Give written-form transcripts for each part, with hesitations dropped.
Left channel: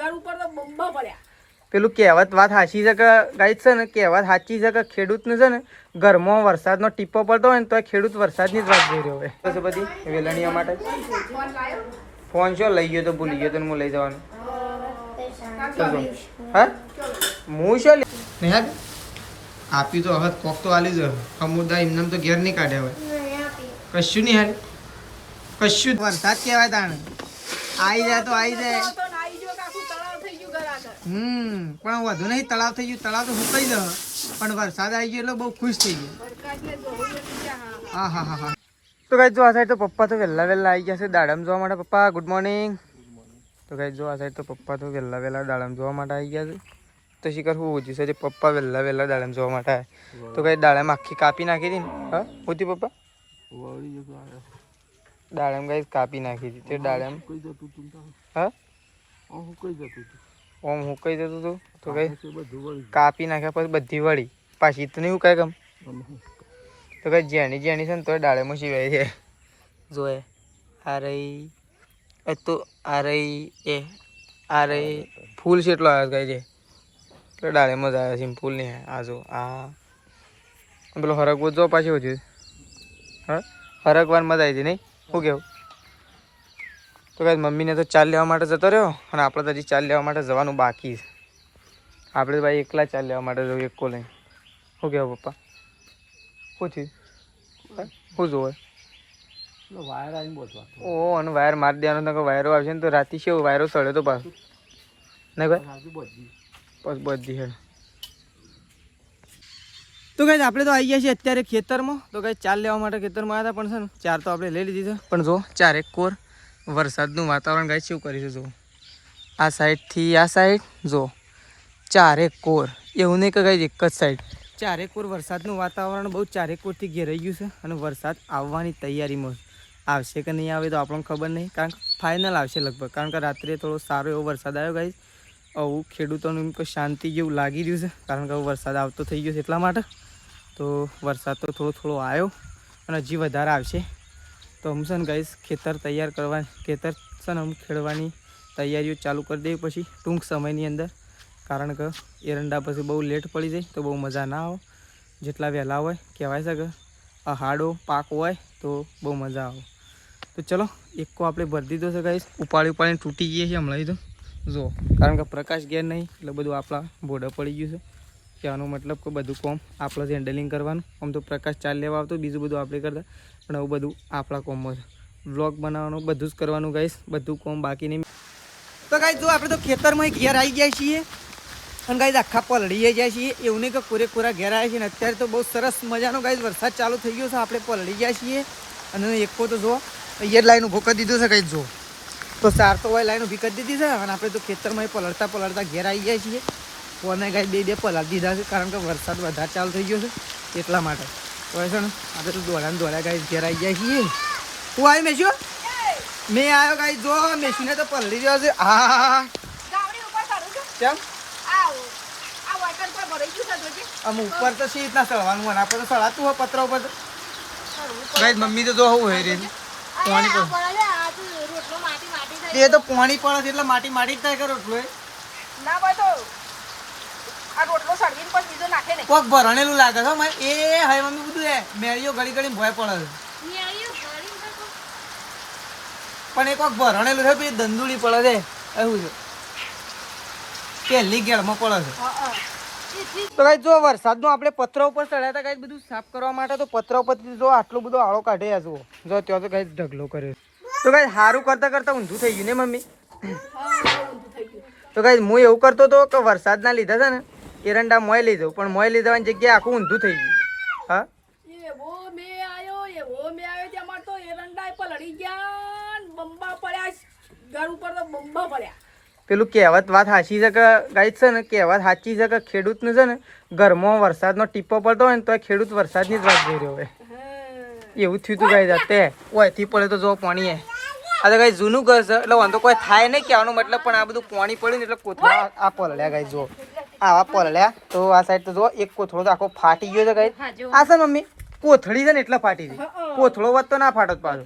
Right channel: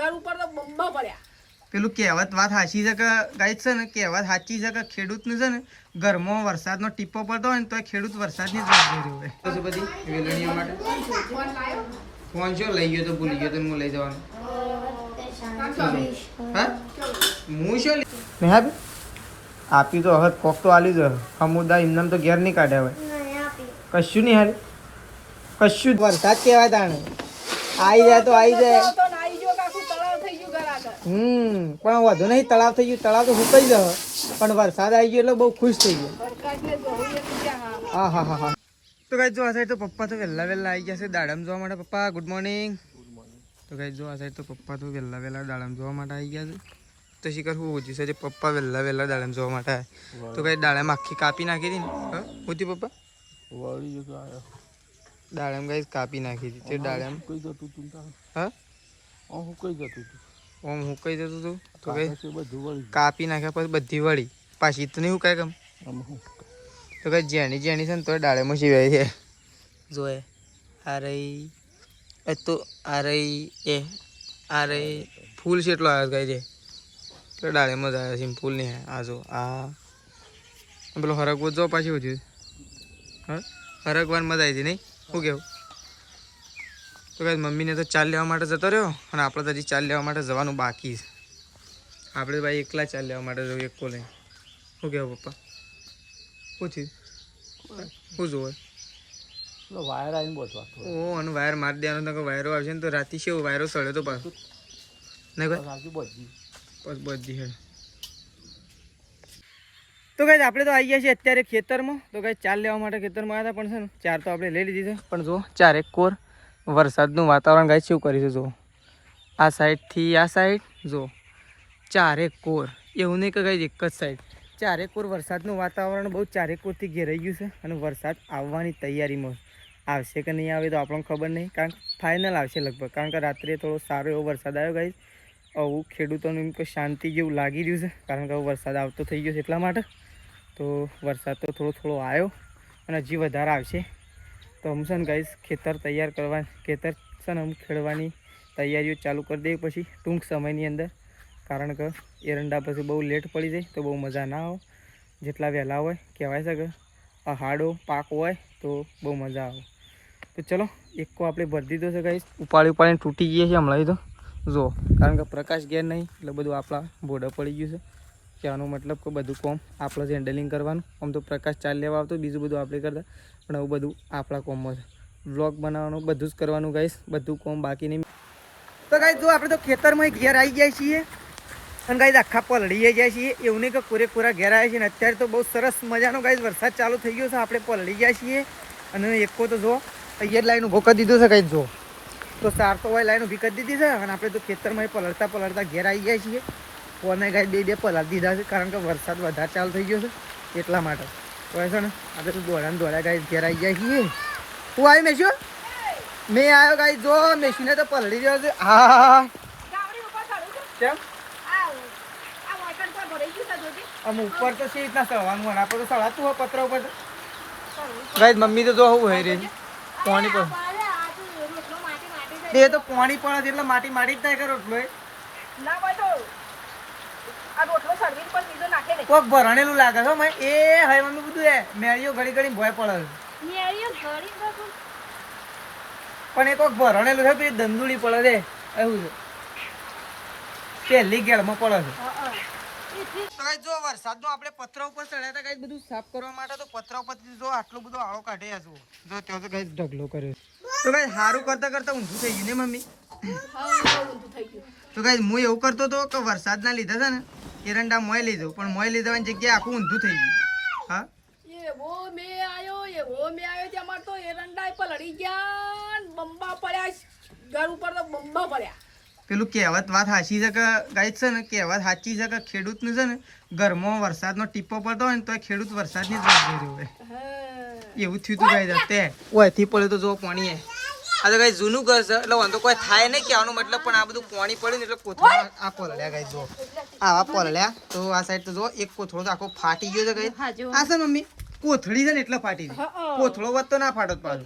ઘર ઉપર તો બંબા પડ્યા. પેલું કહેવત વાત સાચી છે કે ગાઈડ છે ને, કહેવત સાચી છે કે ખેડૂતને છે ને ઘરમાં વરસાદનો ટીપો પડતો હોય ને તો ખેડૂત વરસાદની જ વાત જોઈ રહ્યો હોય. તો બધી વેલણીયા માટે ફોન શું લઈ ગયો તો ભૂલી ગયો તો હું લઈ જવાનું. હા હું શું નેહાદ આપ્યું તો હવે કોક તો આલી જ અમુદા એમને તો ઘેર નહીં કાઢ્યા હોય કશું નહીં હારે કશું વરસાદ કહેવાય તાણે આવી જાય તો આવી જાય. પણ વધુ નહીં તળાવ થઈ ગયું, તળાવ તો સુકાઈ જશે પણ વરસાદ આવી ગયો એટલે બહુ ખુશ થઈ ગયો. હા હા હા હા. તો ગાઈસ જો આ સાઈડ તો પપ્પા તો વહેલા આવી ગયા છે દાડમ જોવા માટે. પપ્પા ગુડ મોર્નિંગ. તો ગાઈસ જો આ સાઈડ તો પપ્પા તો વહેલા દાડમ જોવા માટે આવી ગયા છે. તો શીખર હું ઓછી છે પપ્પા વહેલા દાડમ જોવા માટે આવ્યા. તો ગાઈસ દાડમ આખી કાપી નાખી હતી ને. હા હોતી પપ્પા દાડમ ગાઈસ કાપી નાખી હતી. તે દાડમ હા ઓમ હુકાઈ જતું હતું તો કઈ કાપી નાખ્યા પછી બધી વળી પાછી તો નહીં હુકાય કમ. તો કઈ જેણી છે ને તો ડાળેમાં સિવાય છે જોએ આ રહી તો આ રહી એ આ રહી ફૂલ છે એટલો આવ્યો કઈ છે તો ડાળેમાં જ આવ્યો છે ફૂલ નહીં આ જો આ પેલો હરકવો જો પાછી વધ્યું હા હરકવાર મજા આવી હતી નહીં શું કેવું. તો કાંઈ મમ્મીને તો ચાલ લેવા માટે જતો રહ્યો અને આપણે તો હજી ચાલ લેવા માટે જવાનું બાકી છે. આપણે ભાઈ એકલા ચાલ લેવા માટે જવું એકો લઈને. શું કહેવું પપ્પા શું થયું શું જોવે વાયર આવીને બોલવા ઓ અને વાયર મારી દેવાનો તો વાયરો આવશે ને તો રાતે શું વાયરો સળ્યો તો પાછો નહીં ભાઈ બસ બધી હેડ. તો કાંઈ આપણે તો આવી ગયા છીએ અત્યારે ખેતરમાં. તો કાંઈ ચાલ લેવા માટે ખેતરમાં આવ્યા હતા પણ છે ને ચાર તો આપણે લઈ લીધી છે પણ જો ચાર એક કોર વરસાદનું વાતાવરણ ગાય શું કરીશું જો આ સાઈડથી આ સાઈડ જો ચારેક કોર એવું નહીં કે ગાય એક જ સાઈડ ચારેક કોર વરસાદનું વાતાવરણ બહુ ચારેક કોરથી ઘેરાઈ ગયું છે અને વરસાદ આવવાની તૈયારીમાં આવશે કે નહીં આવે તો આપણને ખબર નહીં કારણ કે ફાઇનલ આવશે લગભગ કારણ કે રાત્રે થોડો સારો એવો વરસાદ આવ્યો ગાય આવું ખેડૂતોનું એમ કોઈ શાંતિ જેવું લાગી રહ્યું છે કારણ કે વરસાદ આવતો થઈ ગયો છે એટલા માટે. તો વરસાદ તો થોડો આવ્યો અને હજી વધારે આવશે. તો હું છે ને ગાઈસ ખેતર તૈયાર કરવા ખેતર છે ને ખેડવાની તૈયારીઓ ચાલુ કરી દેવી પછી ટૂંક સમયની અંદર કારણ કે એરંડા પછી બહુ લેટ પડી જાય તો બહુ મજા ના આવે. જેટલા વહેલા હોય કહેવાય છે કે હાડો પાક હોય તો બહુ મજા આવે. તો ચલો એકો આપણે ભરી દીધો છે ગાઈસ ઉપાડીને તૂટી ગઈએ છીએ હમણાં તો જો કારણ કે પ્રકાશ ઘેર નહીં એટલે બધું આપણા બોર્ડર પડી ગયું છે. કહેવાનો મતલબ કે બધું કોમ આપણે જ હેન્ડલિંગ કરવાનું. આમ તો પ્રકાશ ચાલ લેવા આવતો બીજું બધું આપણે કરતા પણ આવું બધું આપણા કોમમાં છે. વ્લોગ બનાવવાનું બધું જ કરવાનું ગાઈસ બધું કોમ બાકી નહીં. તો ગાઈસ જો આપણે તો ખેતરમાં ઘેર આવી ગયા છીએ અને ગાઈસ આખા પલળી ગયા છીએ એવું નહીં કે કોરેકોરા ઘેર આવ્યા છીએ ને અત્યારે તો બહુ સરસ મજાનો ગાઈસ વરસાદ ચાલુ થઈ ગયો છે આપણે પલળી ગયા છીએ અને એકો તો જો અહીંયા લાઈન ઊભો કરી દીધો છે ગાઈસ જો તો સાર તો હોય લાઈન ઊભી કરી દીધી છે અને આપણે તો ખેતરમાં પલળતા ઘેર આવી ગયા છીએ. કોને ગાઈસ બે પલાળી દીધા છે કારણ કે વરસાદ વધારે ચાલુ થઈ ગયો છે એટલા માટે. તો છે ને આપણે તો દોડા ગાઈસ ઘેર આવી ગયા છીએ. હું આવી મેશું મેં આવ્યો ગાઈસ જો મેશુને તો પલળી રહ્યો છે. હા કેમ આમ ઉપર તો સી રીતના ચડવાનું હોય આપણે તો ચડાતું હોય પત્ર ઉપર ગાઈસ મમ્મી તો જો હું હોય રહી પાણી પર એ તો પાણી પડે એટલે માટી જ થાય કે રોટલો ના બધો આ રોટલો સળવીને પણ બીજો નાખે નહીં કોક ભરણેલું લાગે છે મેં એ હવે મમ્મી બધું એ મેળીઓ ઘડી ભોય પડે પણ એ કોક ભરણેલું છે પછી દંદુડી પડે છે એવું છે પહેલી ગેળમાં પડે છે. તો ગાઈસ જો વરસાદનો આપણે પથરા ઉપર ચડ્યા હતા ગાઈસ બધું સાફ કરવા માટે તો પથરા ઉપરથી જો આટલો બધો આળો કાઢ્યા જુઓ જો ત્યાં તો ગાઈસ ઢગલો કર્યો. તો ગાઈસ સારું કરતા ઊંધું થઈ ગયું ને મમ્મી. તો ગાઈસ હું એવું કરતો હતો કે વરસાદના લીધા છે ને એરંડા મોય લઈ જાઉં પણ મોય લઈ જવાની જગ્યાએ આખું ઊંધું થઈ ગયું. હા એવો મે આવ્યો ત્યાં તો એરંડા પલળી ગયા બંબા પડ્યા ઘર ઉપર તો બંબા પડ્યા. પેલું કહેવત વાત સાચી છે કે ગાઈસ છે ને કહેવત સાચી છે કે ખેડૂતને છે ને ઘરમાં વરસાદનો ટીપો પડતો હોય ને તો ખેડૂત વરસાદની જ વાત જોઈ રહ્યો હોય એવું થયું હતું ગાઈસ. અત્યારે ઓયથી પડે તો જો પાણી આ તો ગાઈસ જૂનું ઘર છે એટલે વાંધો કોઈ થાય નહીં કહેવાનો મતલબ પણ આ બધું પાણી પડ્યું ને એટલે કોથળા આ પલળ્યા ગાઈસ જો આવા પલળ્યા તો આ સાઈડ તો જો એક કોથળો તો આખો ફાટી ગયો છે ગાઈસ. આ છે મમ્મી કોથળી છે ને એટલે ફાટી છે કોથળો વધ તો ના ફાટત પાછો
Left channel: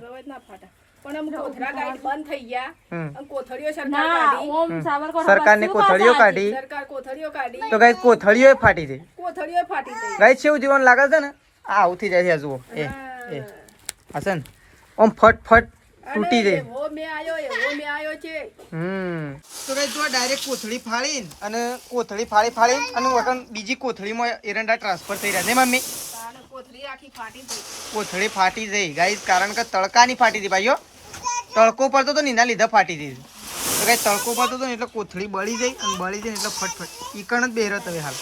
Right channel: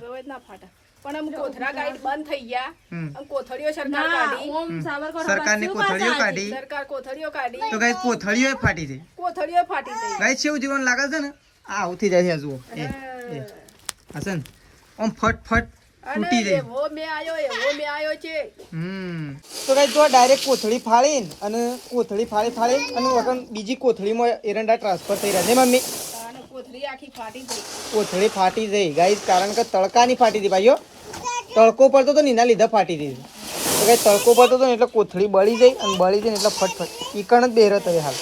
પણ એમ કોથળા ગાઈડ બંધ થઈ ગયા અને કોથળીઓ સરકાર કાઢી સરકારની કોથળીઓ કાઢી સરકાર કોથળીઓ કાઢી તો ગાઈસ કોથળીઓ ફાટી જાય. કોથળીઓ ફાટી ગઈ ગાઈસ કેવું જીવન લાગે છે ને આ આવું થઈ જાય છે. જુઓ એ હશે ને આમ ફટ તૂટી જાય. એવો મે આયો છે. તો ગાઈસ જો ડાયરેક્ટ કોથળી ફાડીને અને કોથળી ફાડીને અને વગર બીજી કોથળીમાં એરંડા ટ્રાન્સફર થઈ રહ્યા ને મમ્મી. કોથળી આખી ફાટી ગઈ. કોથળી ફાટી જઈ ગાઈસ કારણ કે તડકાની ફાટી હતી ભાઈઓ. તડકો પડતો તો ને એના લીધે ફાટી હતી. તો ગાઈસ તડકો પડતો તો ને એટલે કોથળી બળી જાય અને બળી જાય ને એટલે ફટફટ ઈકણ જ બેરત હવે હાલ.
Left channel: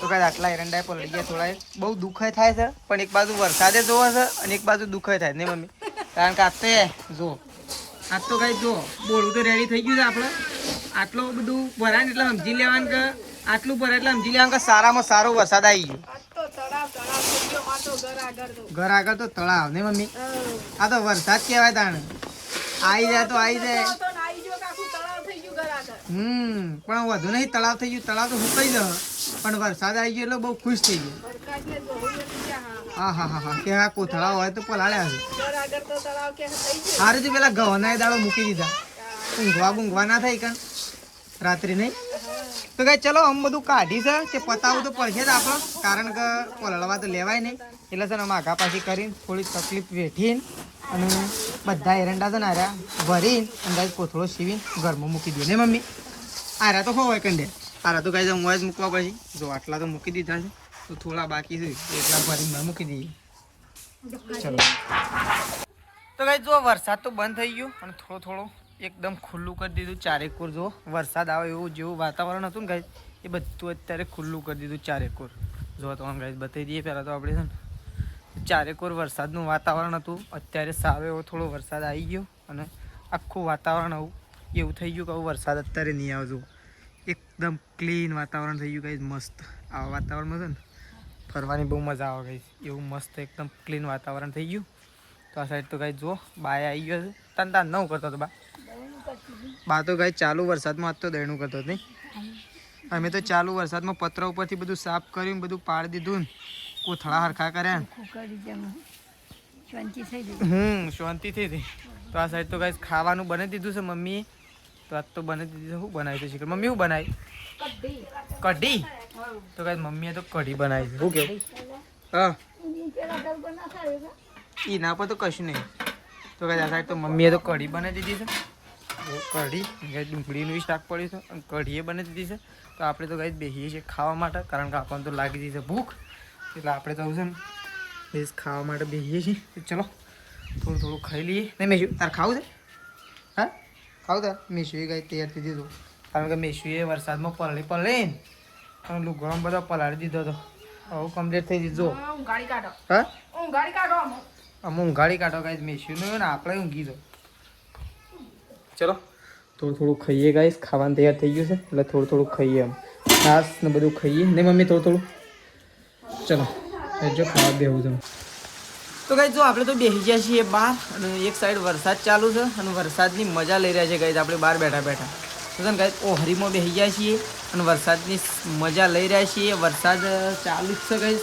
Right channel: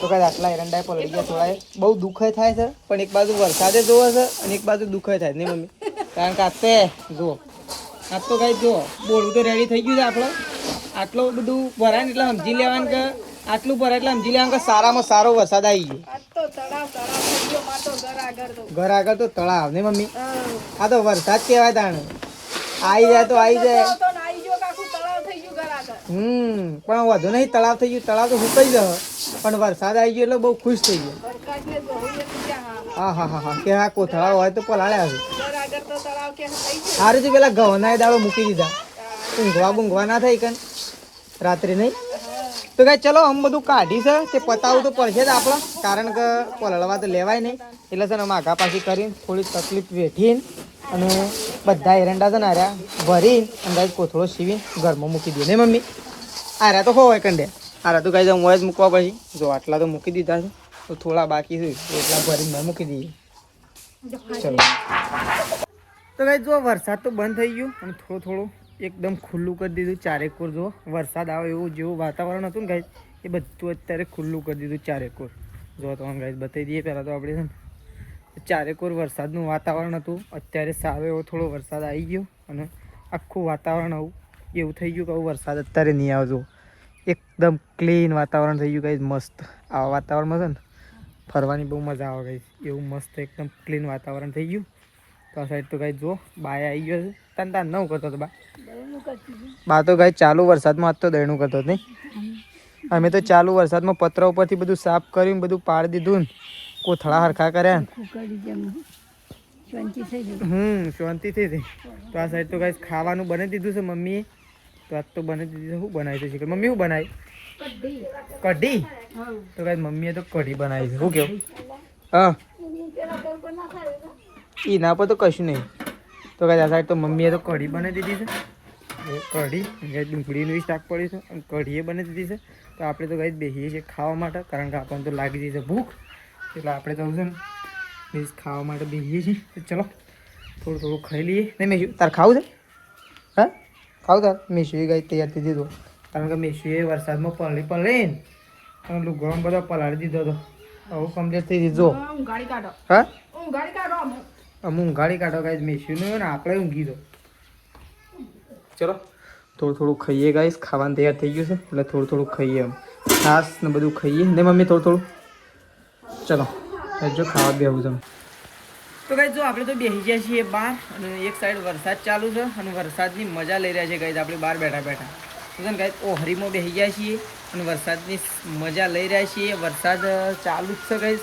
તો કાંઈ આટલા એરંડા પલળી ગયા થોડા. બહુ દુઃખ થાય છે પણ એક બાજુ વરસાદે જોવે છે અને એક બાજુ દુઃખ થાય નહીં મમ્મી. કારણ કે આતે જુઓ આજ તો કાંઈ જુઓ બોલું તો રેડી થઈ ગયું છે આપણે. આટલું બધું ભરાય ને એટલે સમજી લેવાનું કે આટલું ભરાય એટલે સમજી લેવાનું કે સારામાં સારો વરસાદ આવી ગયો. ઘર આગળ તો તળાવ નહીં મમ્મી. આ તો વરસાદ કહેવાય તાણે. આવી જાય તો આવી જાય. પણ વધુ નહીં તળાવ થઈ ગયું. તળાવ તો સુકાઈ જશે પણ વરસાદ આવી ગયો એટલે બહુ ખુશ થઈ ગયો. હા કે આ કોથળા હોય તો પલાળ્યા છે. સારું છે પેલા ઘઉંના દાળો મૂકી દીધા. ઊંઘવા ના થઈ કણ રાત્રે નહીં. તો કાંઈ ચલો આમ બધું કાઢી છે તે પતાવું તો પડશે જ આપણે કારણ કે પલળવા તો લેવાય નહીં. એટલે છે ને માઘા પાછી કરીને થોડી તકલીફ વેઠીને અને બધા એરંડા છે ને આર્યા ભરી અંદાજ કોથળો સીવીને ઘરમાં મૂકી દઈએ ને મમ્મી. આર્યા તો હોય કંડે આર્યા તો કાંઈ મોય જ મૂકવા પછી. જો આટલા તો મૂકી દીધા છે તો થોડા બાકી છે એટલા ભરીને મૂકી દઈએ. ચલો તો કાંઈ જો વરસાદ તો બંધ થઈ ગયો અને થોડું એકદમ ખુલ્લું કરી દીધું. ચારેકોર જો વરસાદ આવે એવું જેવું વાતાવરણ હતું ને ગાઈસ એ બધું અત્યારે ખુલ્લું કરી દીધું ચારેકોર. જો તો ગાઈસ બતાવી દઈએ પહેલાં તો આપણે છે ને ચારેકોર વરસાદનું વાતાવરણ હતું. અત્યારે સારો એવો થોડો વરસાદ આવી ગયો અને આખું વાતાવરણ આવું એવું થઈ ગયું કે આવું વરસાદ અત્યારે નહીં આવજો. એકદમ ક્લીન વાતાવરણ થઈ ગયું ગાઈસ મસ્ત. આવા વાતાવરણમાં છે ને ફરવાની બહુ મજા આવે ગાઈસ. એવું મસ્ત એકદમ ક્લીન વાતાવરણ થઈ ગયું. તો આ સાઈડ તો ગાઈસ જો બાય આવી ગયો છે. તાન નવું કરતો હતો બા તો ગાઈસ ચાલુ વરસાદમાં આજ તો દયણું કરતો નહીં. અમે તો ચાલુ વરસાદમાં પતરા ઉપરથી બધું સાફ કર્યું બધું પાડી દીધું ને કોથળા હરખા કર્યા. શાંતિ થઈ ગઈ. તો આ સાઈડ તો ગાઈસ ખાવાનું બનાવી દીધું છે મમ્મીએ. તો આજ તો બનાવી દીધું. શું બનાવી છે મમ્મી? શું બનાવી? કઢી. તો ગાઈસ મમ્મીએ તો કઢી બનાવી છે. શું કહો? હા એના પર તો કશું નહીં. તો ગાઈસ આ સાઈડ તો મમ્મીએ તો કઢી બનાવી દીધી છે. કઢી ડુંગળીનું શાક પડ્યું છે અને કઢીએ બનાવી દીધી છે. તો આપણે તો ગાઈસ બેસીએ છીએ ખાવા માટે કારણ કે આપણને તો લાગી જઈ છે ભૂખ. એટલે આપણે તો છે ને એ ખાવા માટે બેસીએ છીએ. તો ચલો થોડું ખાઈ લઈએ. નહીં મેશુ તાર ખાવું છે? હા ખાવું તાર? મેશુએ ગાઈસ તૈયાર થઈ દીધો કારણ કે મેશુએ વરસાદમાં પલળીને અને પેલું ગરમ બધા પલાળી દીધો હતો. હવે કમ્પ્લીટ થઈ દીધો. હા અમુક ઊંઘાડી કાઢો ગાઈસ મેશુને ને આપણે ઊંઘી દો. ચલો થોડું ખાઈએ ગાઈસ. ખાવાનું તૈયાર થઈ ગયું છે એટલે થોડું ખાઈએ. છાસ ને બધું ખાઈએ ને મમ્મી થોડું. ચલો જો ખાવા બેવું તમે. તો ગાઈસ જો આપણે તો બેસી ગયા છીએ બહાર અને એક સાઈડ વરસાદ ચાલુ છે અને વરસાદની મજા લઈ રહ્યા છે ગાઈસ. આપણે બહાર બેઠા તો છે ને ગાઈસ ઓહરીમાં બેસી ગયા છીએ અને વરસાદની મજા લઈ રહ્યા છીએ. વરસાદ ચાલુ જ છે ગાઈસ.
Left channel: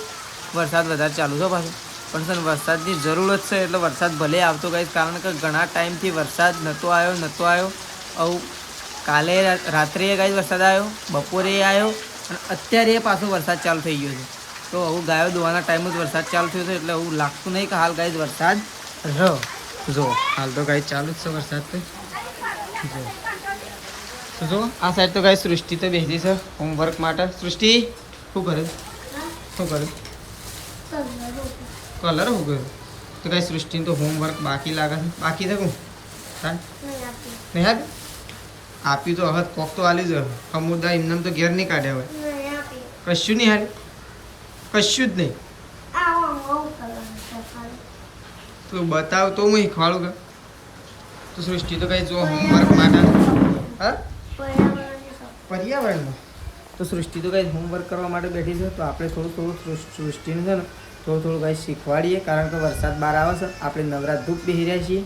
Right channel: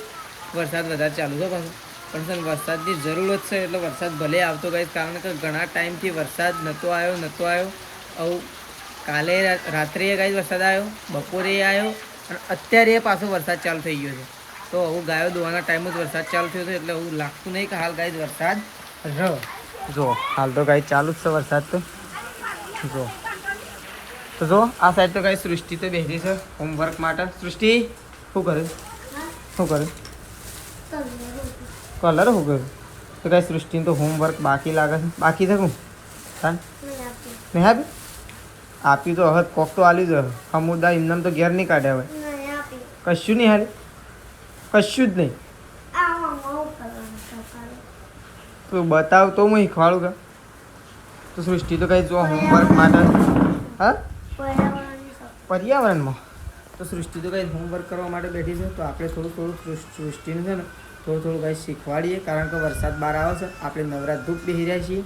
વરસાદ વધારે ચાલુ છે પાછું પણ છે ને વરસાદની જરૂરત છે એટલે વરસાદ ભલે આવતો ગાઈસ કારણ કે ઘણા ટાઈમથી વરસાદ નહોતો આવ્યો. આવું કાલે રાત્રે ગાઈસ વરસાદ આવ્યો, બપોરે આવ્યો અને અત્યારે પાછો વરસાદ ચાલુ થઈ ગયો છે. તો હવે ગાયો દોવાના ટાઈમ જ વરસાદ ચાલુ થયો છે એટલે એવું લાગતું નહીં કે હાલ ગાઈસ વરસાદ જો હાલ તો ગાઈસ ચાલુ જ છે વરસાદ. તો જો આ સાઈડ તો ગાઈસ સૃષ્ટિ તો બેસી છે હોમવર્ક માટે. સૃષ્ટિ શું કરે? કલર શું કર્યું? તો ગાઈસ સૃષ્ટિને તો હોમવર્ક બાકી લાગે છે. બાકી છે શું? હા નહીં આપ્યું? આપ્યું તો હવે કોક તો આલ્યું જ. અમુદા એમને તો ઘેર નહીં કાઢ્યા હોય. કશું નહીં હારે? કશું જ નહીં. તું બતાવ તો હું શીખવાડું કે. તો સૃષ્ટિ તો કઈ જો હોમવર્ક માટે હા પર્યાવરણમાં તો સૃષ્ટિ તો કઈ હોમવર્ક કરવા માટે બેઠી છે. તો આપણે થોડું સૃષ્ટિને છે ને થોડું કાંઈ શીખવાડીએ કારણ કે વરસાદ બહાર આવે છે. આપણે નવરાત ધૂપ બેસી રહ્યા છીએ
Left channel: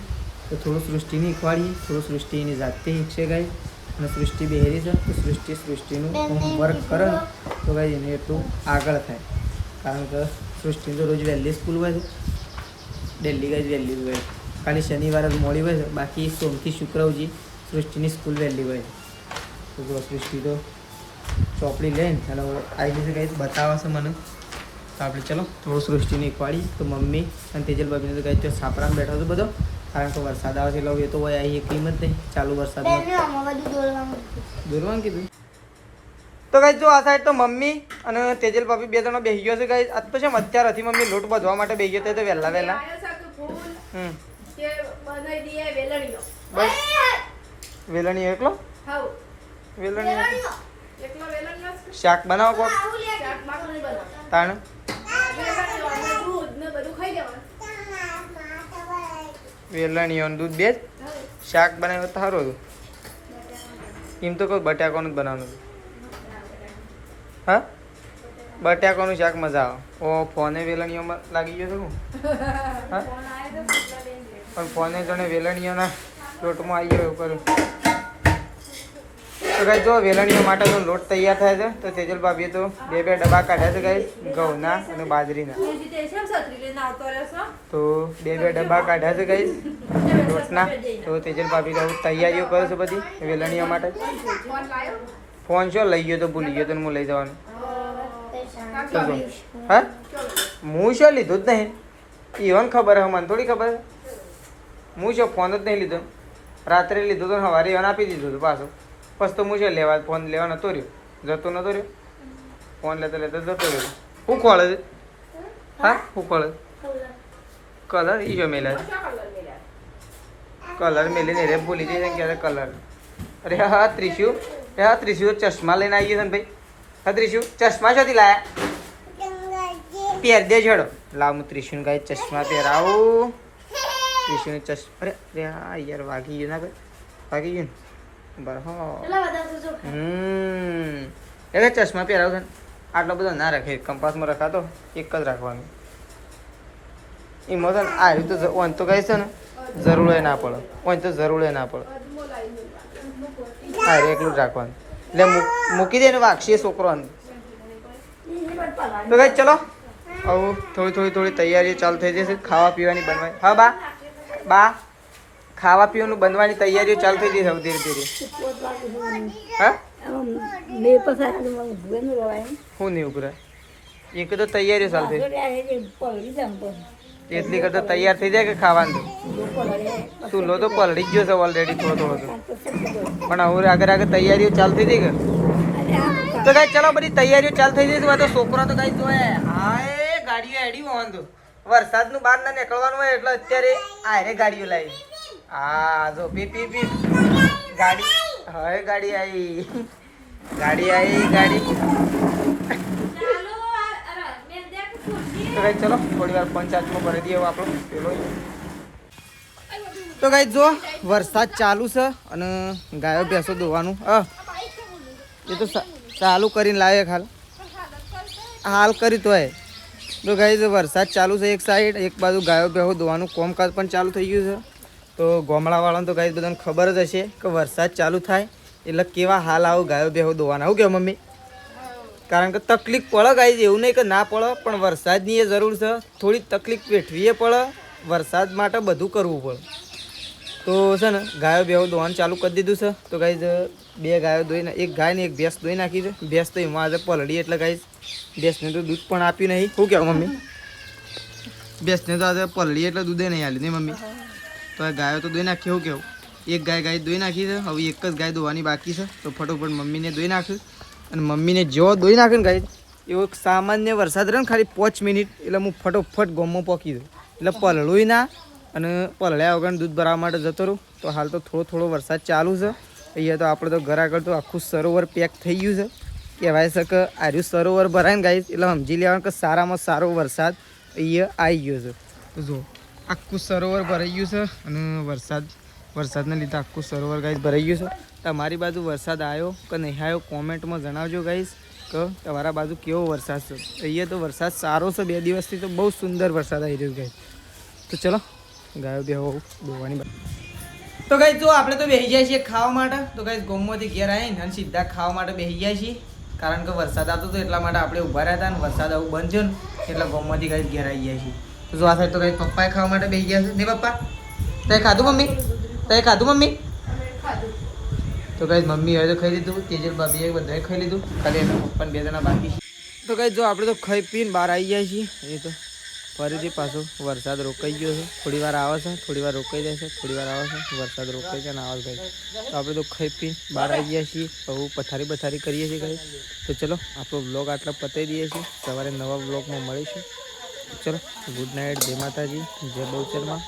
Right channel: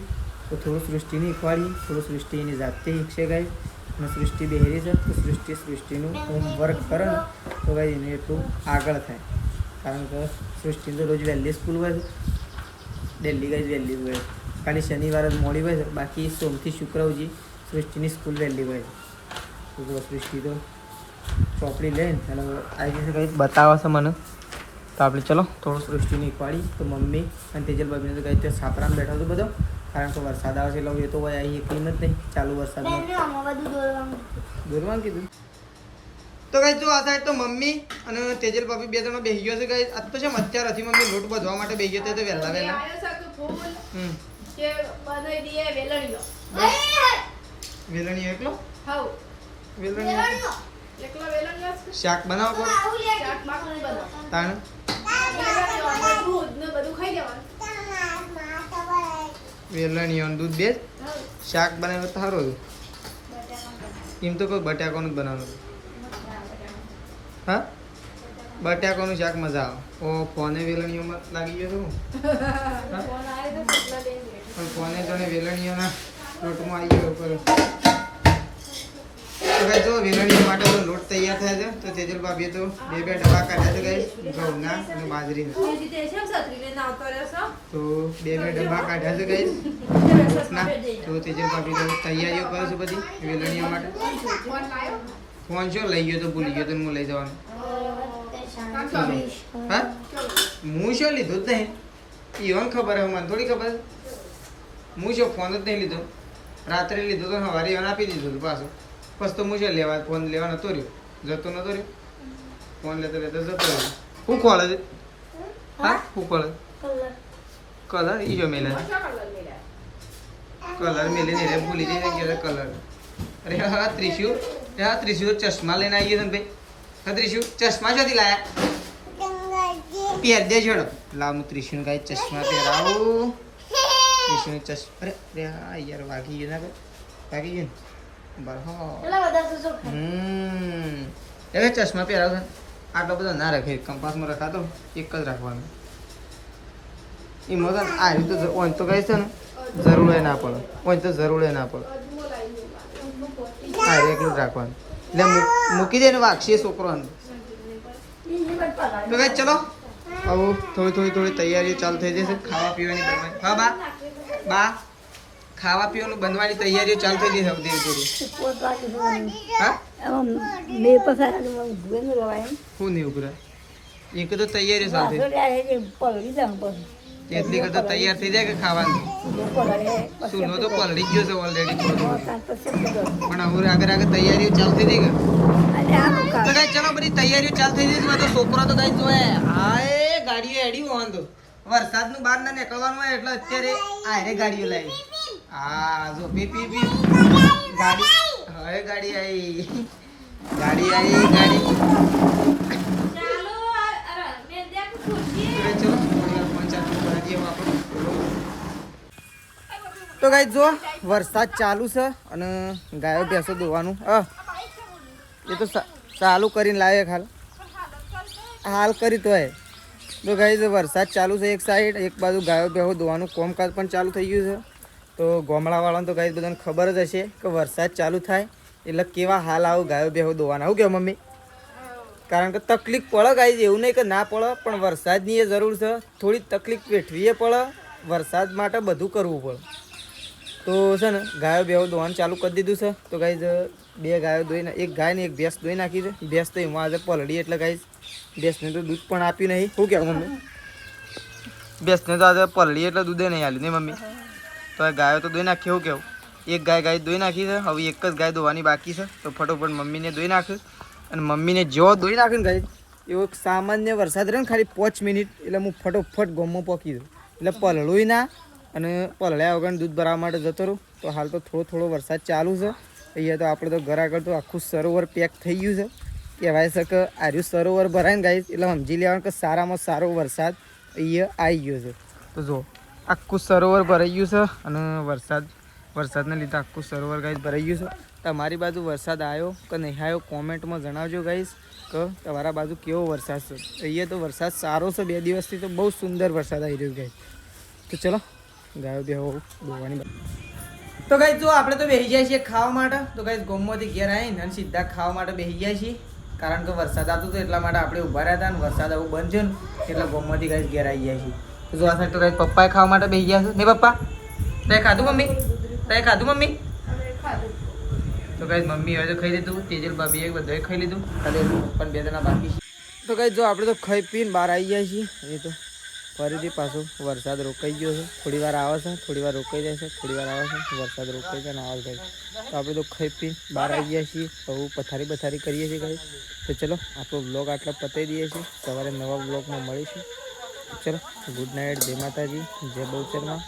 તો થોડું સૃષ્ટિને શીખવાડીએ. થોડું સૃષ્ટિ એની જાતે શીખશે ગાય અને સૃષ્ટિ બેહેરી છે તો સૃષ્ટિનું હોમવર્ક કરે ને તો ગાય એને એટલું આગળ થાય કારણ કે સૃષ્ટિને તો રોજ વહેલી સ્કૂલ હોય છે. ડેલી ગાય વહેલી હોય ખાલી શનિવાર જ મોડી હોય છે, બાકી સોમથી શુક્ર સુધી સૃષ્ટિની સ્કૂલ વહેલી હોય છે. તો જો સૃષ્ટિ તો ચોપડી લઈને અને આવી જશે કંઈ બતાવે છે મને. તો આપણે ચલો થોડું સૃષ્ટિને એકવાડી. તો મમ્મી અને તેજલ બાબીને તો કંઈ છાપરામાં બેઠો હતો બધો, કારણ કે વરસાદ આવે છે એટલે એ તો હોય આવી એકલી જ નહીં ચાલુ વરસાદમાં દોરવાનું કીધું. તો ગાઈસ જો આ સાઈડ તો મમ્મી અને તેજલ ભાભી બે જણા બેસી ગયો છે ગાઈસ. આજ તો છે અત્યારથી મમ્મી લોટ બાંધવા માટે બેસી ગયો તો વહેલા વહેલા વેલણી એકલો વેલણી શાક બનાવો કોક તાણ વેલણીઓ દૂધ બે શાક બનાવ્યો તો સારું હતું. એમ તો કોઈ બટાકાનું જ બનાવવાનું. હા બટાકાનું શાક મજા આવે. ઓ ફોને વેલણીઓમાં લાગી ગયો છું હા પણ ફોને જોડે વેલણીઓના લોટમાં આવી ગયો એવું કરું. તો ગાઈસ જો વેલણીઓ માટે તો લોટ તૈયાર થાય છે. તો તેજલ ભાભીએ તો બે ડબ્બા કાઢ્યા છે ગાઈસ ઘઉંના અને બાજરીના. તો બે ડબ્બા કાઢ્યા છે ગાઈસ લોટના. તો તેજલ ભાભી તો તૈયારીઓ કરે છે બધી વેલણીઓ માટે. ફોન શું લઈ ગયો તો ભૂલી ગયો તો હું લઈ જવાનું. હા હું શું લીધો જ નહીં ઈવન ખબર હે મને થોડી ખબર. હું શું ફોન જ નહીં લીધો. રાત્રે લીધો તો સવારે ઈવન આપી દીધું હતું પાછું. બસ તો હું શું લેવા ફોન લેવા નતો રહ્યો જતો નતો રહ્યો. ફોન લેતા લેતા જતો રહ્યો. શું ખોળે છે હા શું ખોળે કલર ઈ જો મેલે કલર મેલીને રે ભૂલી જઈ કે કલર. અરે હા ત્રિશુ હા ત્રિશુ ચશ્મા લઈને આવી ગયો ને ભાઈ. હા ત્રિશુ ચશ્મા શોધી લાયા પહેર દે છોડો. લાવ હું ત્રિશુને કાંઈ ચશ્મા પહેરાવું. ત્રિશુને ચશ્મા અરે અરે હા યાર વાગી ગયું ના ભાઈ વાગી ગયું ને બરાબર. એટલે ચશ્મા પહેરાવ છે આટલો બધો ના રાખે કંપાસમાં રખાતો એક જ રાખવાનું. એમાં છે ને આ રીતે ઓન તો કહે છે ને જરૂર ના પડે ઓન તો જરૂર ના પડે હા એકલું જ રાખવાનું. એટલે મૂકી દે ને વાગશે છોકરો. તો ભાઈ ચલો આવું થોડી તૈયારી ચાલુ થઈ જશે ખાવા પીવાની બનવાની. હા બા બા ખાવા પીવાનું બનવાની તૈયારીઓ ચાલુ થઈ જશે ધીરે ધીરે. હા હું નહીં ઉભરાય એ કદો તૈયારીઓ ચાલુ થઈ એટલી કદો તૈયાર થઈ જાય કે ખાવાનું. ચૂલો તો પલળી ગયો છે ઓલરેડી થોડો પણ હવે આગળ તૈયારીઓ ચાલુ થઈ ગઈ કે તો કઈ ચલો બધી તૈયારીઓ ચાલુ થઈ જશે. તો છોકરા તો કઈ જોયે હા એ ગાડીઓ એડી વાંધો વરસાદનું બહાર ના નીકળવાનું હોય એટલે અત્યારે આરે ગાડીઓ લાવી. હા જો પી પી પી ગાડી હવે ગાડી આવી ગાડી તો કઈ ચલો થોડી વાર પંચાયતમાં ભરી દઈએ આપણો પેલો. તો કઈ જો વરસાદ ચાલુ છે અને ગાયો ભેંસો દોવાનું એ તો ચાલુ કરીને લાવે હાલ કરી તો તો ગાઈઝ વરસાદ ચાલુ છે એક સાઈડ એક બાજુ ગાયો ભેંસો દોવાનું કામકાજ પણ ચાલુ થઈ ગયું છે. તો ગામડાવાળાને તો ગાઈઝ બધાને ખબર જ હશે કે વરસાદ ચાલુ થાય એટલે કેવા હાલ આવું ગાયો ભેંસો દોવાના. આવું કેવું મમ્મી કારણ કે તકલીફ પડે ગાઈઝ એવું નહીં કે ના પડે પણ વરસાદની એ જરૂર છે. થોડી તકલીફ વેઠવીએ પડે વરસાદ માટે બધું કરવું પડે. તો છે ને ગાયો ભેંસો દોવાનું ચાલુ કરી દીધું છે. તો ગાઈઝ બે ગાયો દોઈને એક ગાય ને એક ભેંસ દોઈ નાખી છે. ભેંસ તો એમાં આજે પલળી એટલે ગાઈઝ ભેંસને તો દૂધ પણ આપ્યું નહીં. શું કહેવું મમ્મી ભેંસને તો આજે પલળી એટલે દૂધે નહીં આલ્યું નહીં મમ્મી. તો આ ગાયો તો દોઈ નાખી એવું કેવું એક ગાય દોઈ નાખી છે. હવે એક જ ગાય દોવાની બાકી છે. તો ફટોફટ મમ્મીને દોઈ નાખ્યું અને મમ્મીને જો દોઈ નાખે ને ગાય એવો સામાન્ય વરસાદ રહે ને ખાલી 5 મિનિટ એટલે હું ફટોફટ ગોમમાં પોકી દઉં એટલે પલળું ના અને પલળ્યા વગર દૂધ ભરાવા માટે જતો રહું. તો હાલ તો થોડો વરસાદ ચાલુ છે અહીંયા. તો આપણે તો ઘર આગળ તો આખું સરોવર પેક થઈ ગયું છે કહેવાય છે કે આર્યું સરોવર ભરાય ને ગાઈસ એટલે સમજી લેવાનું કે સારામાં સારો વરસાદ અહીંયા આવી ગયો છે. તો જો આખું સરોવર ભરાઈ ગયું છે અને વરસાદને લીધે આખું સરોવર ગાઈસ ભરાઈ ગયું છે. તમારી બાજુ વરસાદ આવ્યો કે નહીં આવ્યો કોમેન્ટમાં જણાવજો ગાઈસ કે તમારા બાજુ કેવો વરસાદ છે. અહીંયા તો વરસાદ સારો છે 2 દિવસથી તો બહુ સુંદર વરસાદ આવી રહ્યો ગાઈસ. તો ચલો ગાયો બેહો દોવાની. તો ગાઈસ જો આપણે તો બેસી જાય છીએ ખાવા માટે. તો ગાઈસ ગોમમાંથી ઘેર આવીને અને સીધા ખાવા માટે બેસી જાય છીએ કારણ કે વરસાદ આવતો હતો એટલા માટે આપણે ઊભા રહ્યા હતા અને વરસાદ આવું બંધ છે ને એટલે ગોમમાંથી ગાઈસ ઘેર આવી જાય છીએ. તો જો આ સાઈડ તો ગાઈસ પપ્પાએ ખાવા માટે બેસી ગયા છે ને પપ્પા તે ખાધું મમ્મી? તે ખાધું મમ્મી? અમે ખાધું. તો કઈ મમ્મી હવે તો ખાઈ લીધું, તેજલ ભાભી એ બધાએ ખાઈ લીધું, ખાલી એના પપ્પાને 2 જણા બાકી છે. તો કઈ જો આપણે તો ખાઈ પીને બહાર આવી ગયા છીએ. એ તો ફરીથી પાછો વરસાદ રોકાઈ ગયો છે. થોડી વાર આવે છે, થોડી વાર રોકાઈ જાય છે, થોડી વાર આવે છે, વરસાદ રોકાઈ જાય ને આવે છે. તો આપણે તો ખાઈ પીને બહાર આવી ગયા છીએ. બહુ પથારી કરીએ છીએ કઈ. તો ચલો આપણો બ્લોગ આટલા પતાવી દઈએ છીએ. સવારે નવા બ્લોગમાં મળીશું. ચલો ગુડ નાઇટ, જય માતાજી, જય બહુચરમાં.